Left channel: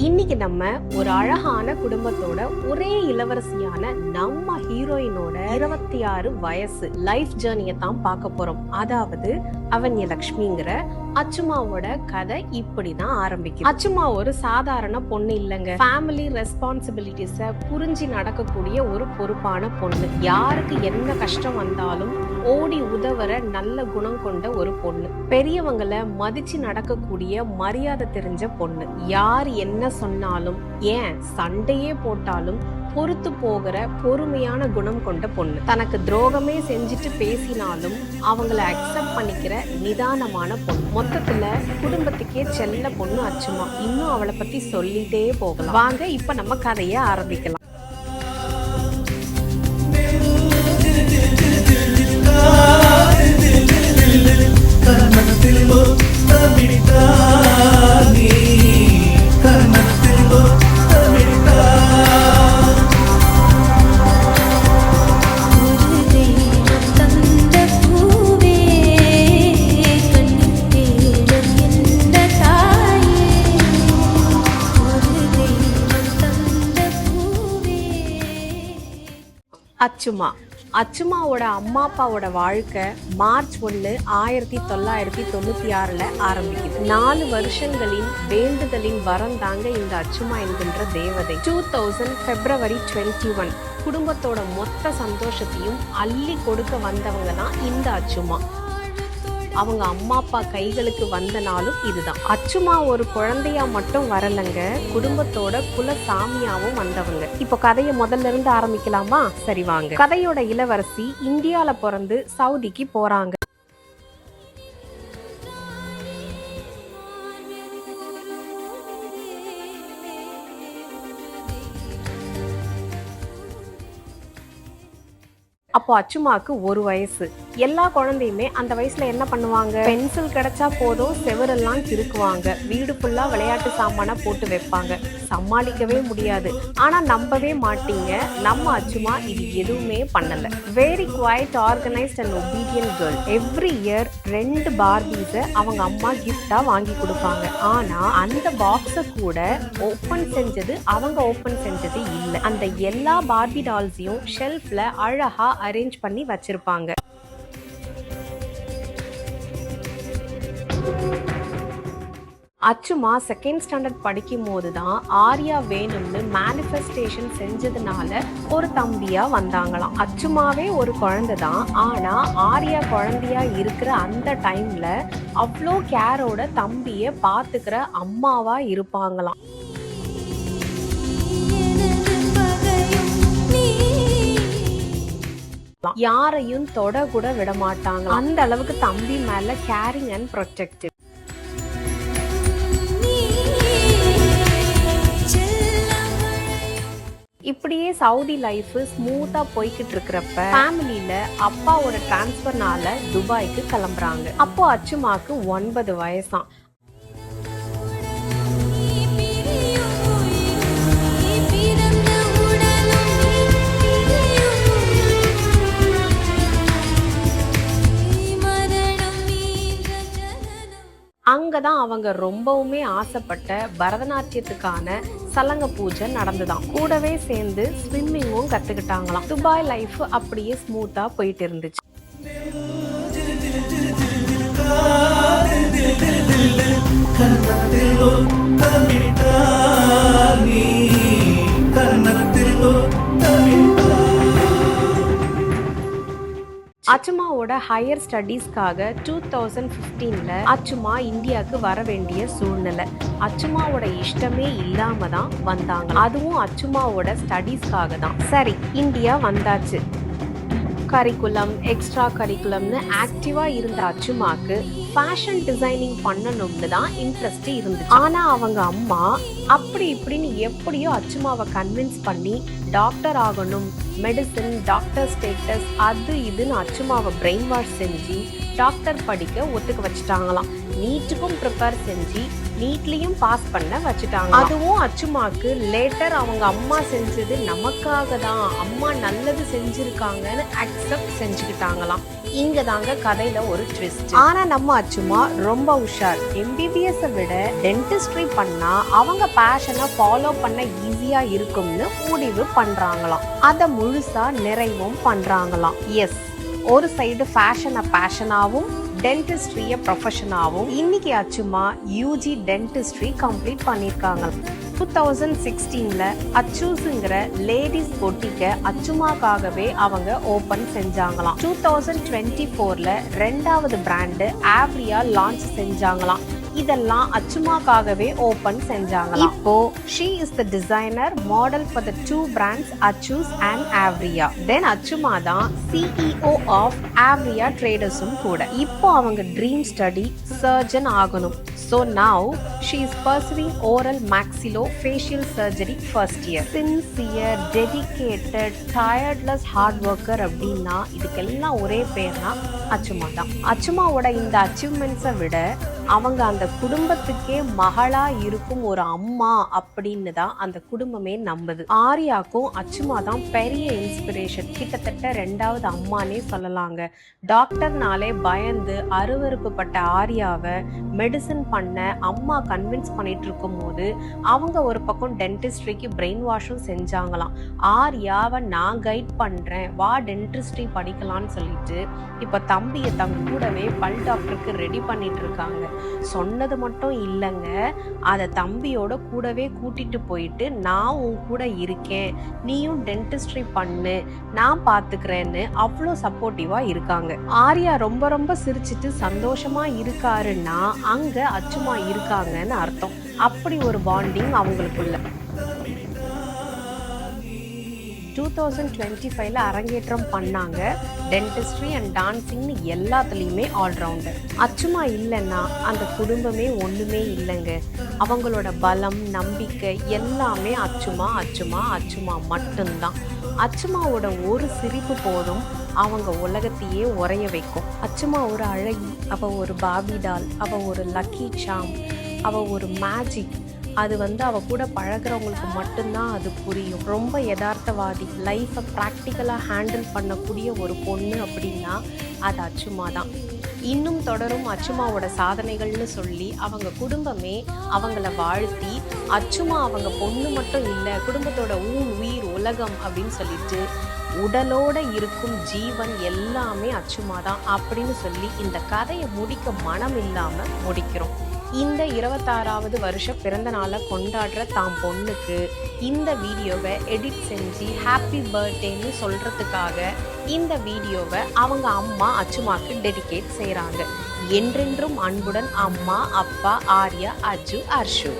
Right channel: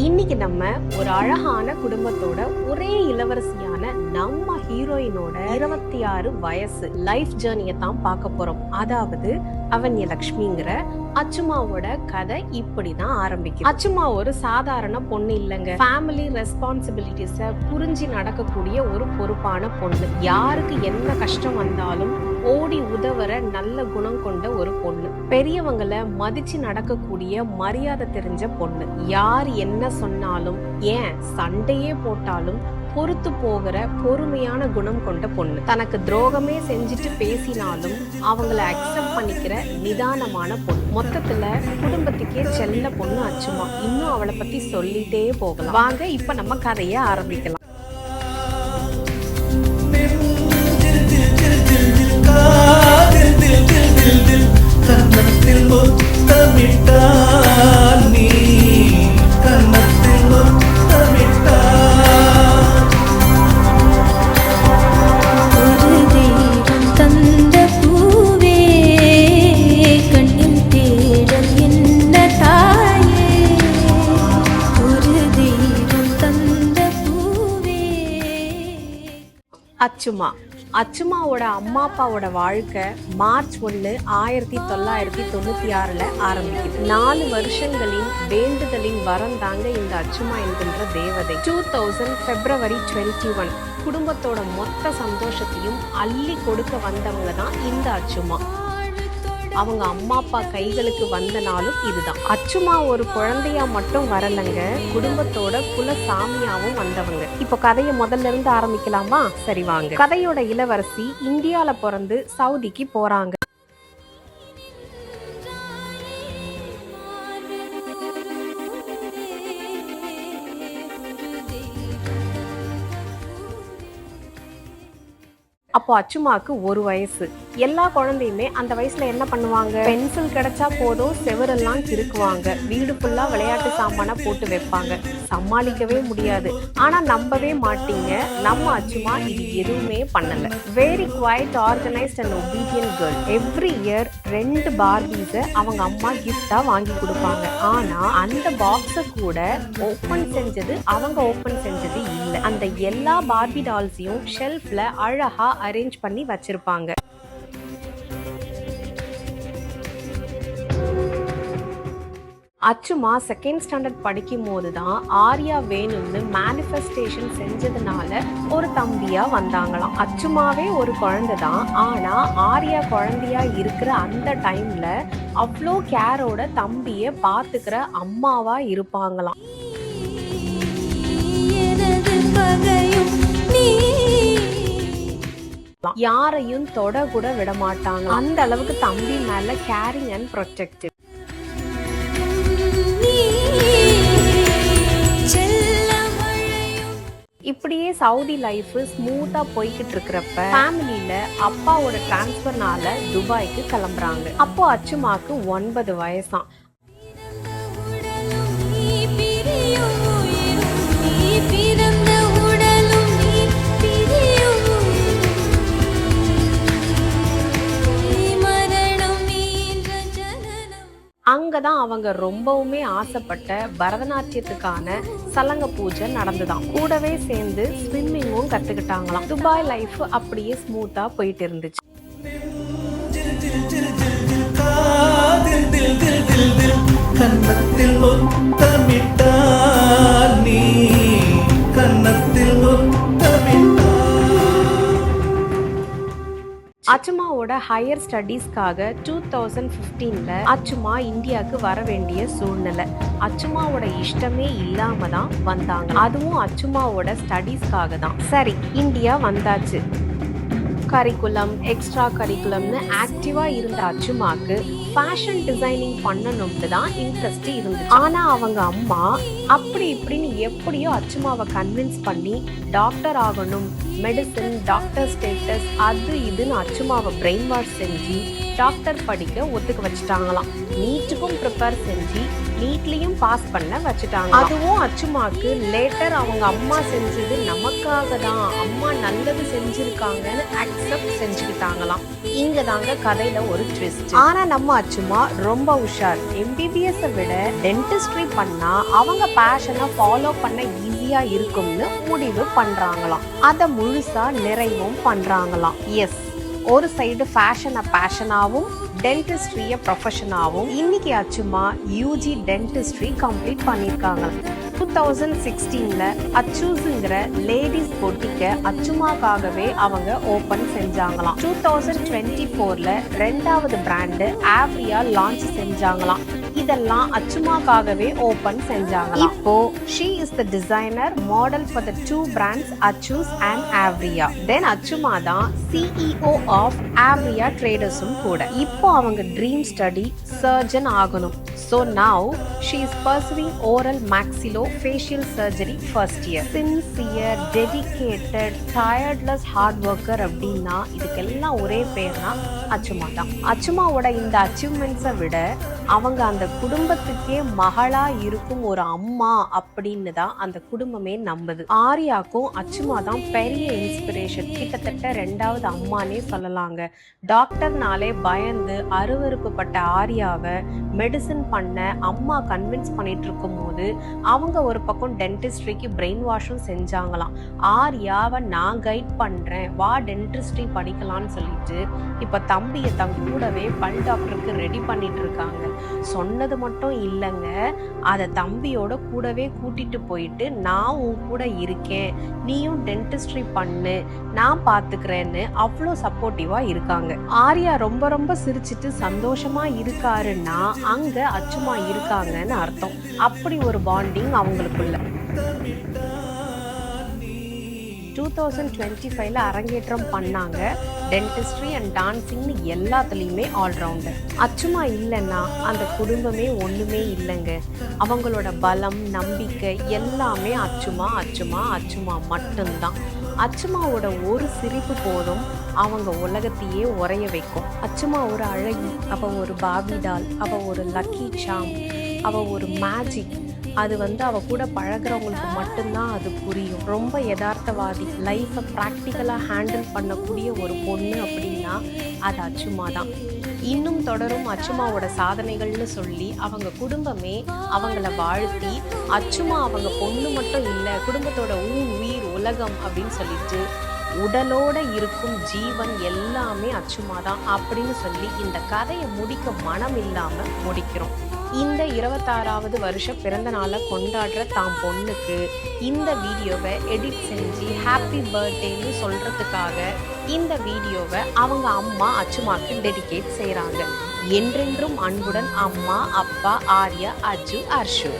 இன்னைக்கு நம்ம ஒரு அழகான குடும்பத்தோட ஒரே இளவரசியான நம்ம ஹீரோயினோட 26 வயசு லைஃப் ஜேர்னியை தான் பார்க்க போறோம். அதாவது அவன்யலட்சுமிங்கிற அச்சுமாவோட கதை இப்படிதான் ஆரம்பிக்கும். அச்சுமா ஒரு சாதாரண பொண்ணு இல்லைங்க. ஃபேமிலி ரெஸ்பான்சிபிலிட்டிஸ புரிஞ்சு நடக்கக்கூடிய ஒரு பொறுப்பான பொண்ணு. யாருக்கு என்ன கஷ்டம் வந்தாலும் ஓடி உதவற நல்ல குணம் கொண்ட ஒரு பொண்ணு. பெரியவங்களை மதிச்சு நடக்கக்கூடிய மரியாதை தெரிஞ்ச பொண்ணு. யார் என்ன சொன்னாலும், ஏன் சண்டையே போட்டாலும் பொறுத்து போகிற பொறுமையான குணம் கொண்ட பொண்ணு. தனக்கு துரோகமே செஞ்சுட்டு பேசினாலும் அவங்கள அக்செப்ட் பண்ணிக்கிற நிதானமான பொண்ணு. மொத்தத்துல குடும்பத்துக்கே செல்ல பொண்ணு அச்சுமா. இன்னும் அவளை பத்தி சொல்லிட்டே போகலாம். வாங்க இப்ப நம்ம கதையை ஆரம்பிக்கலாம். அச்சுமாவோட அம்மா அப்பாவோட வாழ்க்கை மார்ச் 1, 1996 ஆரம்பிக்குது. 4 வருஷங்களின் வேண்டுதலின் வரம் தாங்க இந்த அச்சுமா என்கின்ற தேவதை. 2000 February 21 குடும்பத்தோட மொத்த சந்தோஷத்தையும் அள்ளி கொடுக்க வந்தவங்க தான் இந்த அச்சுமா. அவங்க அம்மா அப்பா கைகளுக்கு வந்த நாளும் இதுதான். அச்சுமா ஒரு குழந்தையா மட்டும் வரலங்க, குடும்பத்தோட குல சாமியாவும் வந்தவங்க. இப்போ கதையை முதல்ல இருந்து ஆரம்பிக்கலாமா? சரி வாங்க. கதையோட இளவரசி இந்தியால பிறந்து சவுதிக்கு போறாங்க. அப்போ அச்சுமாக்கு 1 வயசு. எல்லா குழந்தையுமே அந்த வயசுல என்ன பண்ணுவாங்க? பென்சில் கிடைச்சா போதும் செவரெல்லாம் கிறுக்குவாங்க. வீடு ஃபுல்லா விளையாட்டு சாமானா போட்டு வைப்பாங்க. சமாளிக்கவே முடியாது. ஆனா நம்பவே மாட்டீங்க, நம்ம அச்சுமா இது எதுவுமே பண்ணல. Very quiet, organised and obedient girl. Every year 2 Barbies அவங்க அம்மா கிஃப்டா வாங்கி கொடுப்பாங்க. ஆனா அந்த பாக்ஸ கூட ஓபன் செஞ்சது இல்ல. அந்த எல்லா பார்பி டால்ஸையும் ஷெல்ஃப்ல அழகா அரேஞ்ச் பண்ணி வச்சிருப்பாங்க. அச்சுமா 2nd ஸ்டாண்டர்ட் படிக்கும் போதுதான் ஆர்யா வேணும்னு மேனிஃபெஸ்டேஷன் செஞ்சதுனால ஒரு தம்பியா வந்தாங்களாம். அச்சுமாவே ஒரு குழந்தை தான். ஆனா ஆர்யா குழந்தையா இருக்கிற அந்த டைம்ல அவ்வளோ கேரோட தம்பிய பாத்துக்கிற அம்மாவா இருப்பாங்களாம். யாரையும் தொட கூட விட மாட்டாங்க. அந்த அளவுக்கு தம்பி மேல கேரிங் அண்ட் ப்ரொடெக்டிவ். இப்படியே சவுதி லைஃப் ஸ்மூத்தா போய்கிட்டு இருக்கிறப்ப ஃபேமிலியில அப்பாவோட டிரான்ஸ்பர்னால துபாய்க்கு கிளம்புறாங்க. அப்போ அச்சுமாக்கு 9 வயசாம். அங்கதான் அவங்க ரொம்பவுமே ஆசைப்பட்ட பரதநாட்டியத்துக்கான சலங்க பூஜை நடந்துதான். கூடவே சேர்ந்து ஸ்விம்மிங்கும் கத்துக்கிட்டாங்களாம். துபாய் லைஃப் அப்படியே ஸ்மூத்தா போயிட்டு இருந்துச்சு. அச்சுமாவோட ஹையர் ஸ்டடீஸ்க்காக 2015 அச்சுமா இந்தியாவுக்கு வர வேண்டிய சூழ்நிலை. அச்சுமாவோட இஷ்டமே இல்லாம தான் வந்தாங்க. அதுவும் அச்சுமாவோட ஸ்டடீஸ்க்காக தான். சரி, இந்தியா வந்தாச்சு. கரிக்குலம், எக்ஸ்ட்ரா கரிக்குலம்னு ஆக்டிவா இருந்த அச்சுமாக்கு ஃபேஷன் டிசைனிங் பண்ணணும்னு தான் இன்ட்ரெஸ்ட் இருந்துச்சு. ஆனா அவங்க அம்மா அப்படி இப்படின்னு எப்படியோ அச்சுமாவை கன்வின்ஸ் பண்ணி டாக்டர் ஆகணும், மெடிசன், டாக்டர் ஸ்டேட்டஸ், அது இதுன்னு அச்சுமாவை பிரெயின் வாஷ் செஞ்சு டாக்டர் படிக்க ஒத்துக்க வச்சுட்டாங்களாம். நீட்டுக்கும் ப்ரிப்பேர் செஞ்சு நீட்லயும் பாஸ் பண்ண வச்சுட்டாங்க. அதுவும் அச்சுமாக்கு லேட்டர் அவங்க அம்மா செஞ்சது நமக்காக தான், அம்மா நல்லது செஞ்சிருக்காங்கன்னு அக்செப்ட் செஞ்சுக்கிட்டாங்களாம். இங்க தாங்க கதையில ஒரு ட்விஸ்ட். ஆனா நம்ம அச்சுமா ரொம்ப உஷார். எம்பிபிஎஸ் விட டென்டிஸ்ட்ரி பண்ணா அவங்க பேஷனை ஃபாலோ பண்ண ஈஸியா இருக்கும்னு முடிவு பண்றாங்களாம். அத முழுசா நிறைவும் பண்றாங்களாம். எஸ், ஒரு சைடு ஃபேஷனை பேஷனாவும் டென்டிஸ்ட்ரியை ப்ரொஃபஷனாகவும் இன்னைக்கு அச்சுமா யூஜி டென்டிஸ்ட்ரி கம்ப்ளீட் பண்ணியிருக்காங்க. 2016ல அச்சூஸுங்கிற லேடிஸ் பொட்டிக்க அச்சுமாக்காகவே அவங்க ஓபன் செஞ்சாங்களாம். 2024ல 2வது பிராண்டு ஆவ்ரியா லான்ச் செஞ்சாங்களாம். இதெல்லாம் அச்சுமாக்காகவே ஓபன் செஞ்சாங்களாம். இப்போ she is the designer model for the 2 brands Achus and Avria. Then அச்சுமா தான் CEO of Avria Traders-உம் கூட. இப்போ அவங்க ட்ரீம் ஸ்டடி சர்ஜன் ஆகணும். So now she is pursuing oral maxillofacial surgery first year. Sincere, dedicated, tireless hard worker அப்படின்னா இதுக்கெல்லாம் ஒரே பேர்னா அச்சுமா தான். அச்சுமாவோட இந்த அச்சீவ்மெண்ட்ஸை விட அவங்க அந்த குடும்பத்துக்கே மகளா இருக்கும் ஒரு அம்மா அப்படின்னு தான் அந்த குடும்பமே நம்புது. ஆர்யாக்கும் அச்சுமா தான் பெரிய இன்ஸ்பிரேஷன். கிட்டத்தட்ட 2வது அம்மானே சொல்லலாங்க. டாக்டர்னாலே பயந்து அருவருப்பு பட்ட ஆர்யாவை மெடிசின் பண்ண அம்மா கன்வின்ஸ் பண்ணிட்டு இருக்கும் போது அவங்க ஒரு பக்கம் டென்டிஸ்ட்ரிக்கு பிரெயின் வாஷும் செஞ்சாங்களாம். ஆர்யாவை நான் கைட் பண்றேன், வா டென்டிஸ்ட்ரி படிக்கலான்னு சொல்லிட்டு இப்ப தம்பியை தன் கூடவே பல் டாக்டருக்கு ரெடி பண்ணிட்டு இருக்காங்க. சொன்னது மட்டும் இல்லைங்க, அதை தம்பியோட கூடவே கூட்டிட்டு போயிட்டு நான் உன் கூட இருக்கேன், நீயும் டென்டிஸ்ட்ரி பண்ணு, நான் பாத்துக்கிறேன்னு அவ்வளோ சப்போர்ட்டிவா இருக்காங்க. ஆர்யா ரொம்ப ரொம்ப சிரிச்சிட்டு சந்தோஷமா இருக்காருன்னா அங்க அச்சுமா இருக்காங்கன்னு அர்த்தம். அப்படி ஒரு பாண்டிங் அவங்களுக்குள்ள. 2025ல அரங்கேற்றம் பண்ணாங்க. டென்டிஸ்ட்ரி அண்ட் டான்சிங்னு எல்லாத்துலேயுமே ஆல்ரவுண்டர். அச்சுமா இல்லைன்னா அந்த குடும்பமே ஒன்றுமே இல்லைங்க. அவங்களோட பலம், நம்பிக்கை எல்லாமே அச்சுமா அச்சுமா அச்சுமா மட்டும்தான். அச்சுமாவோட ஒரு சிரிப்பு போதும் அவங்க உலகத்தையே உறைய வைக்கும். அச்சுமா ஒரு அழகி, அவ ஒரு பாபி டால், அவ ஒரு லக்கி சாம், அவ ஒரு மேஜிக். அது அவ கூட பழகிறவங்களுக்கு மட்டும்தான் அது புரியும். ரொம்ப யதார்த்தவாதி, லைஃப்பை ப்ராக்டிக்கலாக ஹேண்டில் பண்ணக்கூடிய ஒரு பொண்ணு அப்படின்னா அது அச்சுமா தான். இன்னும் தொடரும் அச்சுமாவோட சாதனைகள்னு சொல்லி அவங்க குடும்பமே அவங்கள வாழ்த்தி, அச்சுமா அவங்க பொண்ணு மட்டும் இல்லை, குடும்பத்தோட உயிர் உலகம் அப்படின்னு சொல்லிட்டு உடலோட இருக்கும் ஜீவன் எல்லாமே அச்சுமா தான் அப்படின்னு சொல்லி இந்த கதையை முடிக்க மனம் இல்லாம முடிக்கிறோம். இந்த 26வது வருஷ பிறந்த நாளை கொண்டாடுற தாம் பொண்ணுக்கு இந்த வீடியோவை எடிட் செஞ்சு ஹாப்பி பர்த்டேன்னு சொல்றதுக்காக இந்த வீடியோவை அவங்க அம்மா அச்சுமாக்கு டெடிகேட் செய்றாங்க. என்றென்றும் அன்புடன் அம்மா, அப்பா, ஆர்யா, அஜு, அர்ஷு.